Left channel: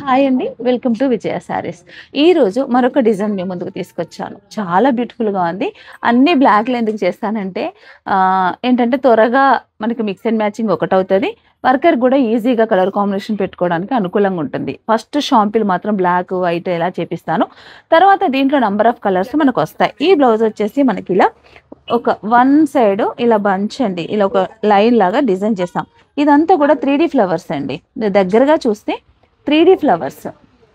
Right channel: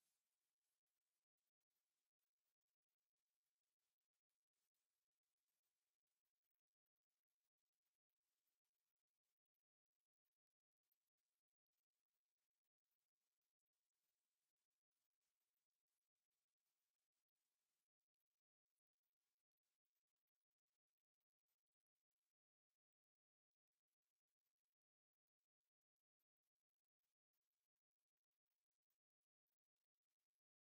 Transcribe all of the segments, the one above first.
Hi అండి. Welcome to విజయ శారీస్. ఈరోజు మరొక డిజైన్ మీ ముందుకు తీసుకొచ్చాను. చాలా బ్యూటిఫుల్‌గా ఉంది. అన్నీ బ్లాక్‌లో ఎందుకు చేస్తానంటే ఏంటంటే త్వరగా మనకి మిక్స్ అండ్ మ్యాచింగ్ ఒకటవుతది. వర్కర్ గూడా ఈజీగా కలర్ కాంబినేషన్ పెట్టుకోవడానికి అనుకూలంగా ఉంటుంది. ఫస్ట్ షాంపిల్ మాత్రం బ్లాక్, వైట్ ఇలా చేపిస్తాను. తర్వాత దీంట్లో నంబర్ ఆఫ్ కలర్స్ మనకొస్తాయి. ఈ బ్లౌజ్ వచ్చేసి మనకిలా ఒక వన్ సైడ్ ఇలా బంచ్ అండి. ఇలా ఒక లైన్ లాగా డిజైన్ చేసాం. ఇదంతా కూడా 3 ఫ్లవర్స్ అండి. దగ్గరగా చూస్తే 3 ఫ్లవర్స్.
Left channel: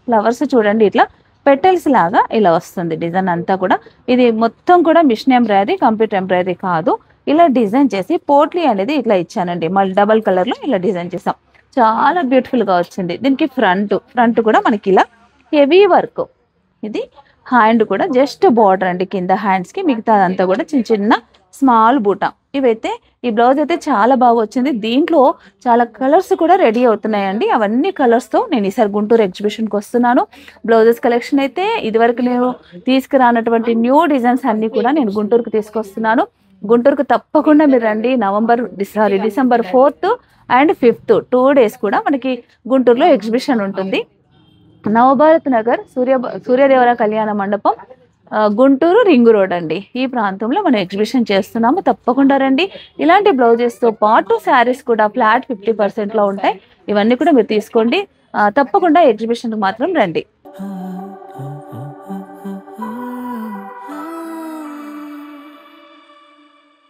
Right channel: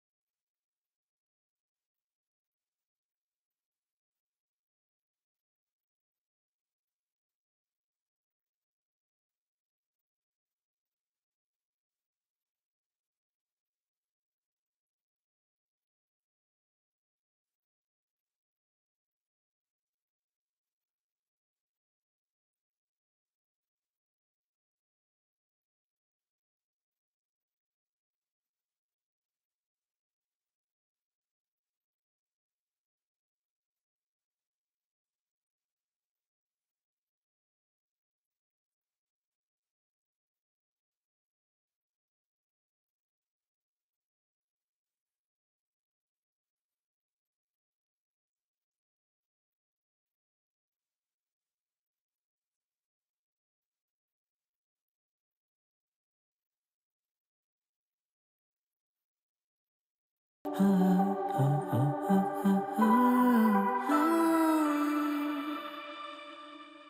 ఫ్లవర్స్ చూడండి ఇట్లా పెటల్స్ లాగా ఇలా వస్తుంది డిజైన్ అంతా కూడా. ఇది మొత్తం కూడా మిషన్ ఎంబ్రాయిడరీ, కంప్యూటర్ ఎంబ్రాయిడరీ కాదు. ఇలా డిజైన్ చేసి పోట్లీ అనేది ఇట్లా ఇచ్చానండి. మళ్ళీ డబల్ కలర్‌లో ఇలా డిజైన్ చేసాం. చాలా బ్యూటిఫుల్‌గా వచ్చింది. దీనికి ఫ్రంట్ కూడా మనకి ఇలా హెవీ వర్క్. ఇది హ్యాండ్ కూడా జస్ట్ బార్డర్ అండి కింద హ్యాండ్స్‌కి. మిగతాదంతా కూడా చిన్న చిన్న స్మాల్ బూటా. ఇవైతే ఈ బ్లౌజ్ అయితే చాలా బాగా వచ్చింది. దీంట్లో చాలా కలర్స్ కూడా రెడీ అవుతున్నాయండి. అవన్నీ కలర్స్‌తో నేను ఈసారి గుంటూరు ఎగ్జిబిషన్‌కి వస్తున్నాను. బ్లౌజెస్ కలెక్షన్ అయితే ఇదివరకు నేను తీసుకురానటువంటి న్యూ డిజైన్స్ అన్నీ కూడా నేను గుంటూరుకి తీసుకొస్తున్నాను. గుంటూరుకు తప్పకుండా మీరు రండి. డిసెంబర్ 4థ్ అండ్ 5థ్ 2 డేస్ కూడా మనకి గుంటూరులో ఎగ్జిబిషన్ ఉంటుంది. నవభారత్ నగర్ సూర్యదేవర కళ్యాణ మండపం, గుంటూరు రింగ్ రోడ్ అండి. ఈ ప్రాంతంలో మనం ఎగ్జిబిషన్ చేస్తున్నాము. తప్పకుండా రండి. ఇలాంటి బ్లౌజెస్‌తో పాటు శారీస్ కూడా ఫ్లాట్ 50%లో ఉంటాయి. ఇవన్నీ కూడా మీరు తీసుకోండి. తప్పకుండా ఎగ్జిబిషన్‌కి మాత్రం రండి.